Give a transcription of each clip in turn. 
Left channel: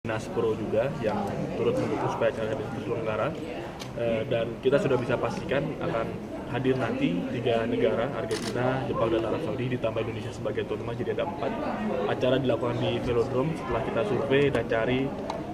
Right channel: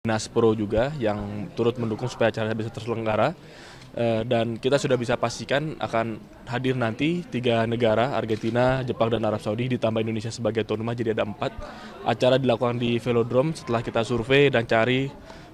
Nas Pro juga yang turut mendukung supaya acara bisa terselenggara. Dan kita sudah bisa pastikan akan hadir nanti 3 negara, Argentina, Jepang, dan Arab Saudi, ditambah Indonesia sebagai tuan rumah, jadi ada 4. Acara dilakukan di Velodrome setelah kita survei dan cari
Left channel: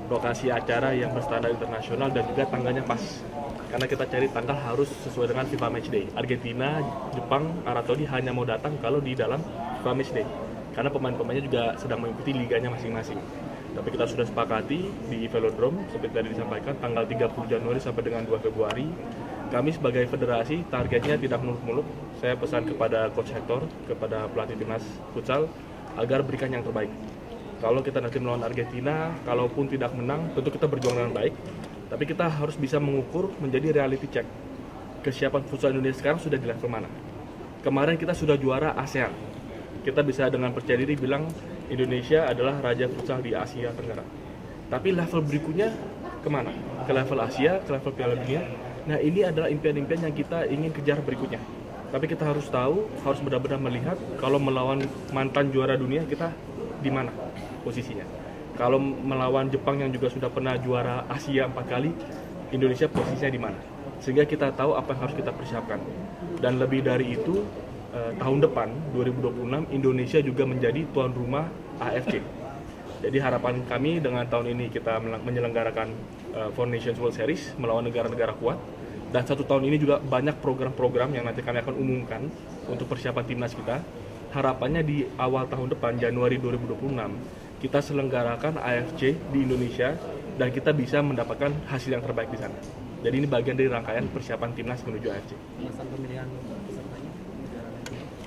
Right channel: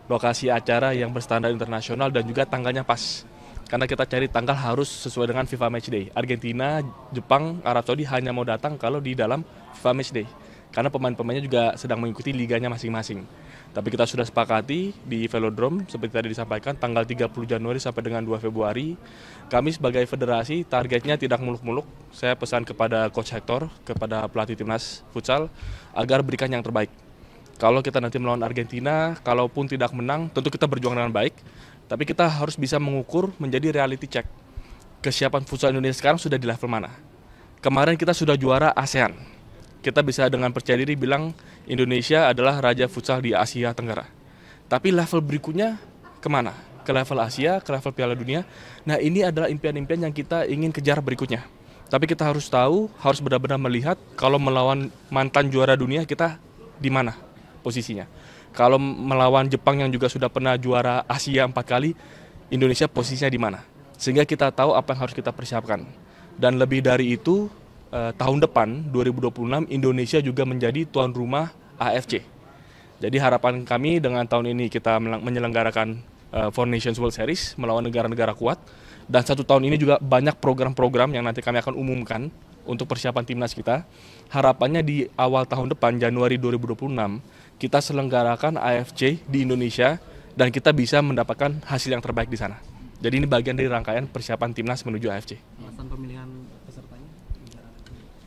lokasi acara yang berstandar internasional dan juga tanggalnya pas. Karena kita cari tanggal harus sesuai dengan FIFA Matchday. Argentina, Jepang, Arab Saudi hanya mau datang kalau di dalam FIFA Matchday. Karena pemain-pemainnya juga sedang mengikuti liganya masing-masing. Tapi kita sudah sepakati di Velodrome, seperti tadi disampaikan, tanggal 30 Januari sampai dengan 2 Februari. Kami sebagai federasi, targetnya tidak muluk-muluk. Saya pesan kepada Coach Hector, kepada pelatih timnas futsal, agar berikan yang terbaik. Kalau kita nanti melawan Argentina, kalaupun tidak menang, tentu kita berjuang dengan baik. Tapi kita harus bisa mengukur menjadi reality check. Kesiapan futsal Indonesia sekarang sudah di level mana? Kemarin kita sudah juara ASEAN. Kita bisa dengan percaya diri bilang Indonesia adalah raja futsal di Asia Tenggara. Tapi level berikutnya kemana? Ke level Asia, ke level Piala Dunia. Nah, ini adalah impian-impian yang kita ingin kejar berikutnya. Tapi kita harus tahu, harus benar-benar melihat kalau melawan mantan juara dunia kita di mana posisinya. Kalau melawan Jepang yang juga sudah pernah juara Asia 4 kali, Indonesia posisinya di mana. Sehingga kita tahu apa yang harus kita persiapkan. Dan lebih dari itu, tahun depan 2026 Indonesia juga menjadi tuan rumah AFC. Jadi harapan kami dengan tahun ini kita menyelenggarakan Four Nations World Series melawan negara-negara kuat, dan 1 tahun ini juga banyak program-program yang nanti kami akan umumkan untuk persiapan timnas kita. Harapannya di awal tahun depan Januari 2026 kita selenggarakan AFC di Indonesia dan kita bisa mendapatkan hasil yang terbaik di sana. Jadi ini bagian dari rangkaian persiapan timnas menuju AFC.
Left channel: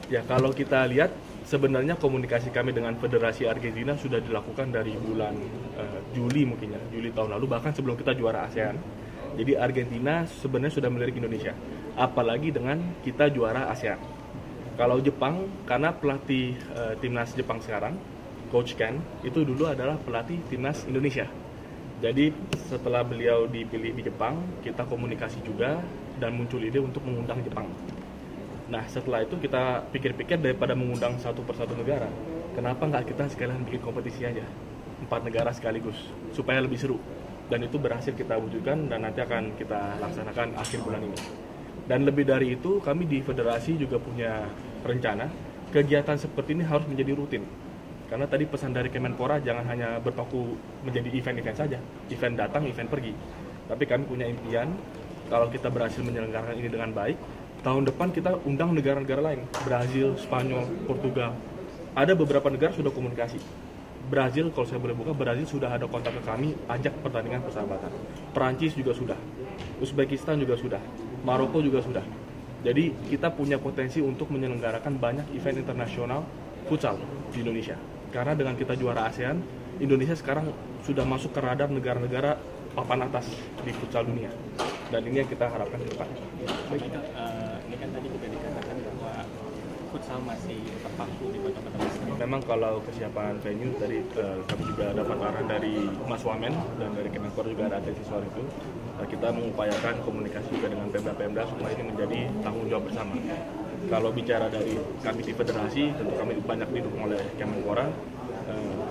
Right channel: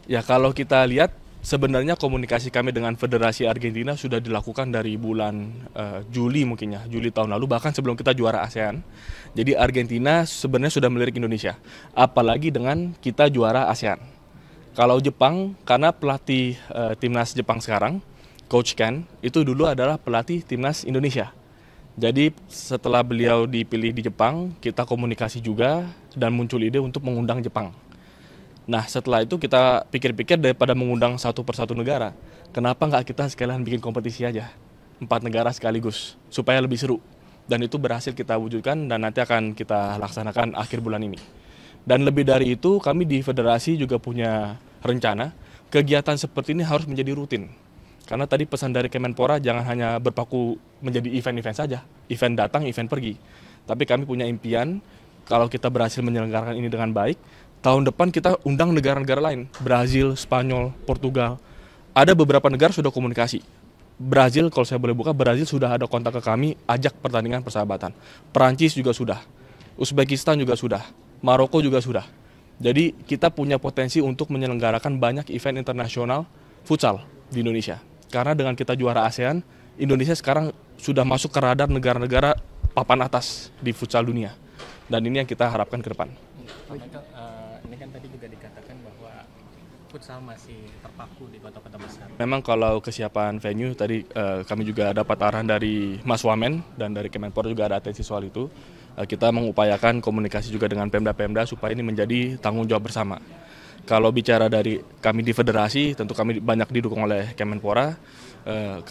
Ya, kalau kita lihat sebenarnya komunikasi kami dengan Federasi Argentina sudah dilakukan dari bulan Juli mungkin ya, Juli tahun lalu, bahkan sebelum kita juara ASEAN. Jadi Argentina sebenarnya sudah melirik Indonesia, apalagi dengan kita juara ASEAN. Kalau Jepang, karena pelatih timnas Jepang sekarang, Coach Ken, itu dulu adalah pelatih timnas Indonesia. Jadi setelah beliau dipilih di Jepang, kita komunikasi juga dan muncul ide untuk mengundang Jepang. Nah, setelah itu kita pikir-pikir daripada mengundang satu persatu negara, kenapa nggak kita sekalian bikin kompetisi aja, 4 negara sekaligus, supaya lebih seru. Dan itu berhasil kita wujudkan dan nanti akan kita laksanakan akhir bulan ini. Dan lebih dari itu, kami di federasi juga punya rencana, kegiatan seperti ini harus menjadi rutin. Karena tadi pesan dari Kemenpora jangan hanya berpaku menjadi event-event saja, event datang, event pergi. Tapi kami punya impian, kalau kita berhasil menyelenggarakan ini dengan baik, tahun depan kita undang negara-negara lain, Brazil, Spanyol, Portugal. Ada beberapa negara sudah komunikasi. Brazil, kalau saya boleh buka, Brazil sudah ada kontak ke kami, ajak pertandingan persahabatan. Perancis juga sudah, Uzbekistan juga sudah, Maroko juga sudah. Jadi kita punya potensi untuk menyelenggarakan banyak event internasional futsal di Indonesia. Karena dengan kita juara ASEAN, Indonesia sekarang sudah masuk ke radar negara-negara papan atas di futsal dunia. Dan ini yang kita harapkan ke depan. Masih terpaku di kota-kota besar. Memang kalau kesiapan venue tadi kami juga dapat arahan dari Mas Wamen dan dari Kemenpora juga ada atensi soal itu. Kita mengupayakan komunikasi juga dengan Pemda-Pemda supaya ini menjadi tanggung jawab bersama. Kalau bicara dari kami di federasi, tentu kami banyak didukung oleh Kemenpora.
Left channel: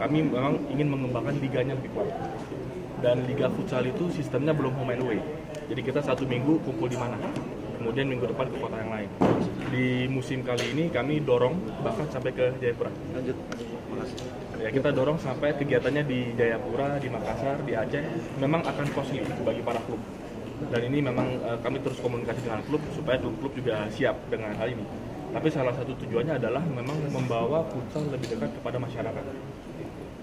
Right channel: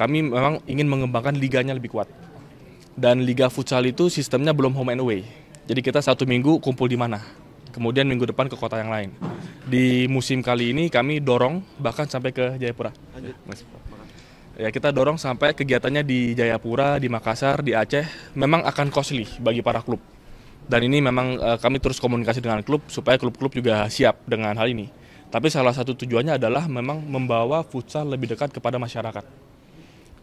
Kami memang ingin mengembangkan liganya lebih kuat. Dan liga futsal itu sistemnya belum home and away. Jadi kita 1 minggu kumpul di mana, kemudian minggu depan ke kota yang lain. Di musim kali ini kami dorong bahkan sampai ke Jayapura. Ya, kita dorong sampai kegiatannya di Jayapura, di Makassar, di Aceh. Memang akan costly bagi para klub. Dan ini memang kami terus komunikasi dengan klub supaya klub-klub juga siap dengan hal ini. Tapi salah satu tujuannya adalah memang membawa futsal lebih dekat kepada masyarakat.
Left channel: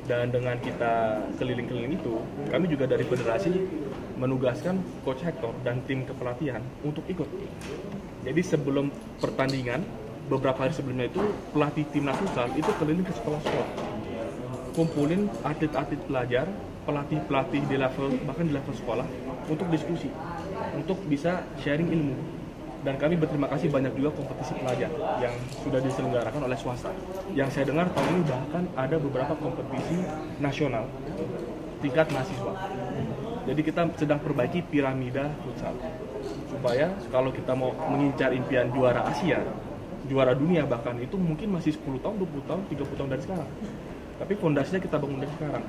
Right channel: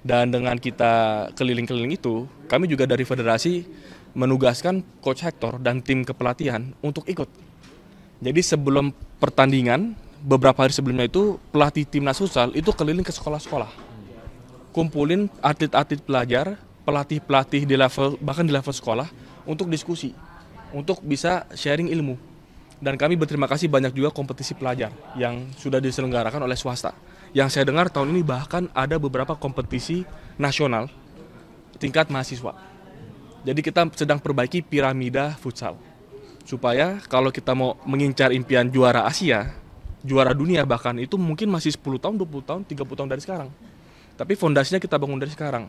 Dan dengan kita keliling-keliling itu, kami juga dari federasi menugaskan Coach Hector dan tim kepelatihan untuk ikut. Jadi sebelum pertandingan, beberapa hari sebelumnya itu pelatih timnas futsal itu keliling ke sekolah-sekolah, kumpulin atlet-atlet pelajar, pelatih-pelatih di level bahkan di level sekolah untuk diskusi, untuk bisa sharing ilmu. Dan kami berterima kasih banyak juga kompetisi pelajar yang sudah diselenggarakan oleh swasta. Yang saya dengar tahun ini bahkan ada beberapa kompetisi nasional tingkat mahasiswa. Jadi kita sedang perbaiki piramida futsal. Supaya kalau kita mau mengincar impian juara Asia, juara dunia bahkan, itu mungkin masih 10 tahun, 20 tahun, 30 tahun dari sekarang. Tapi fondasinya kita bangun dari sekarang.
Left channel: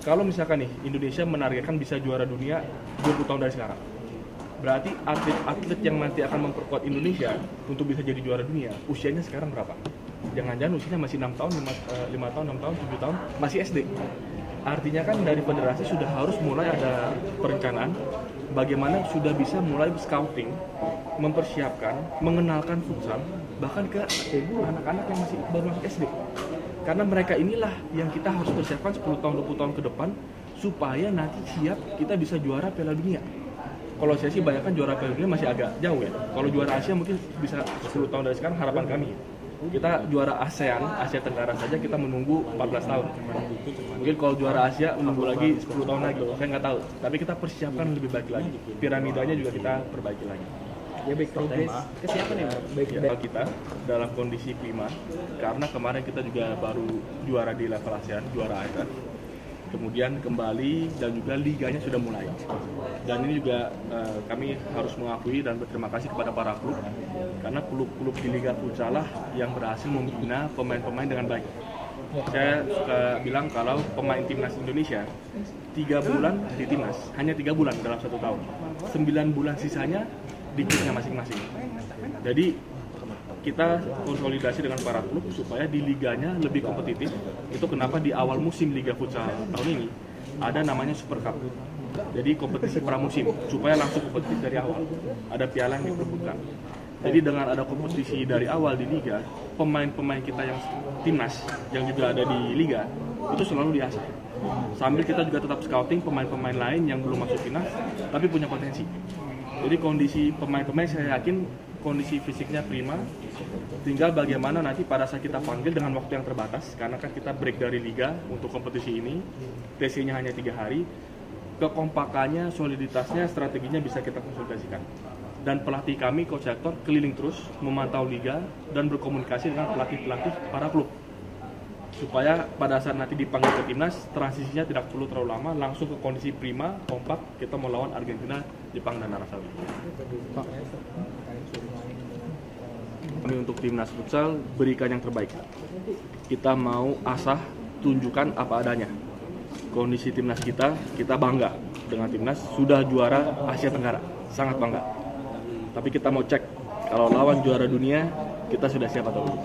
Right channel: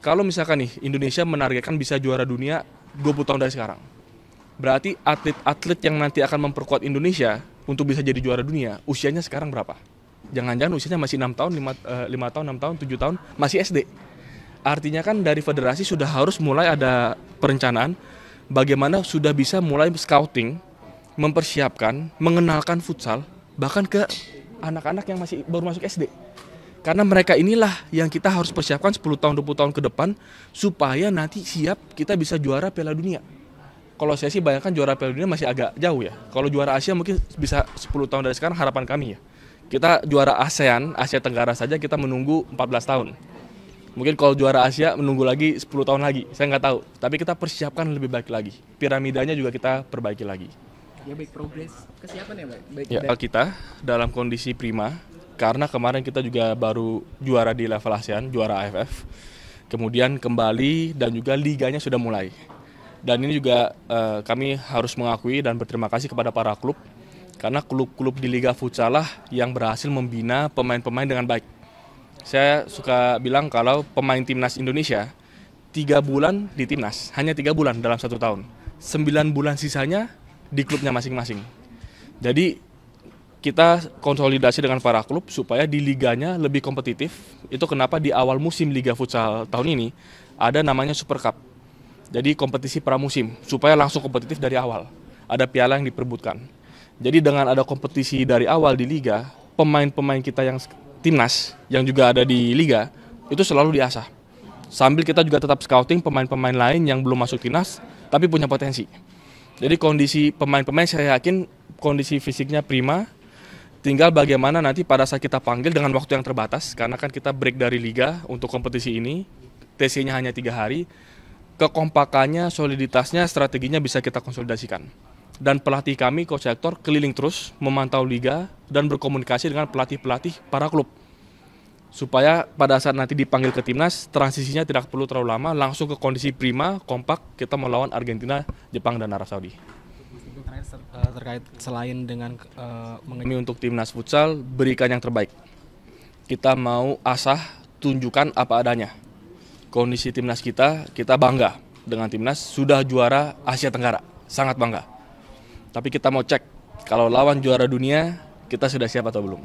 kalau misalkan nih Indonesia menargetkan bisa juara dunia 20 tahun dari sekarang, berarti atlet-atlet yang nanti akan memperkuat Indonesia untuk bisa jadi juara dunia, usianya sekarang berapa? Jangan-jangan usianya masih 6 tahun, 5 tahun, 6 tahun, 7 tahun, masih SD. Artinya kan dari federasi sudah harus mulai ada perencanaan bagaimana sudah bisa mulai scouting, mempersiapkan, mengenalkan futsal bahkan ke anak-anak yang masih baru masuk SD. Karena mereka inilah yang kita harus persiapkan 10 tahun, 20 tahun ke depan supaya nanti siap kita bisa juara Piala Dunia. Kalau saya sih bayangkan juara Piala Dunia masih agak jauh ya. Kalau juara Asia mungkin bisa 10 tahun dari sekarang, harapan kami ya. Kita juara ASEAN, Asia Tenggara saja kita menunggu 14 tahun. Mungkin kalau juara Asia menunggu lagi 10 tahun lagi, saya nggak tahu. Tapi kita persiapkan lebih baik lagi. Piramidanya juga kita perbaiki lagi. Ya baik, progres kesiapan ya Bang? Baik, Ya, kita dalam kondisi prima, karena kemarin kita juga baru juara di level ASEAN, juara AFF. Kemudian kembali dan juga liganya sudah mulai. Dan ini juga kami harus mengakui dan berterima kasih kepada para klub, karena klub-klub di Liga Futsal lah yang berhasil membina pemain-pemain dengan baik. Saya suka bilang kalau pemain timnas Indonesia 3 bulan di timnas, hanya 3 bulan dalam 1 tahun. 9 bulan sisanya di klubnya masing-masing. Jadi kita konsolidasi dengan para klub supaya di liganya lebih kompetitif. Itu kenapa di awal musim Liga Futsal tahun ini ada namanya Super Cup. Jadi kompetisi pramusim supaya langsung kompetitif dari awal. Ada piala yang diperebutkan. Jadi dengan ada kompetisi dari awal di liga, pemain-pemain kita yang timnas yang juga ada di liga itu selalu diasah. Sambil kita juga tetap scouting pemain-pemain lain yang belum masuk timnas tapi punya potensi. Jadi kondisi pemain-pemain saya yakin kondisi fisiknya prima. Tinggal bagaimana nanti pada saat kita panggil dengan waktu yang terbatas, karena kan kita break dari liga untuk kompetisi ini, TC-nya hanya 3 hari. Kekompakannya, soliditasnya, strateginya bisa kita konsolidasikan. Dan pelatih kami, Coach Hector, keliling terus memantau liga dan berkomunikasi dengan pelatih-pelatih para klub. Supaya pada saat nanti dipanggil ke timnas, transisinya tidak perlu terlalu lama, langsung ke kondisi prima, kompak, kita melawan Argentina, Jepang, dan Arab Saudi. Pak, terkait selain dengan Kami untuk timnas futsal berikan yang terbaik. Kita mau asah, tunjukkan apa adanya. Kondisi timnas kita bangga dengan timnas sudah juara Asia Tenggara, sangat bangga. Tapi kita mau cek kalau lawan juara dunia kita sudah siap atau belum.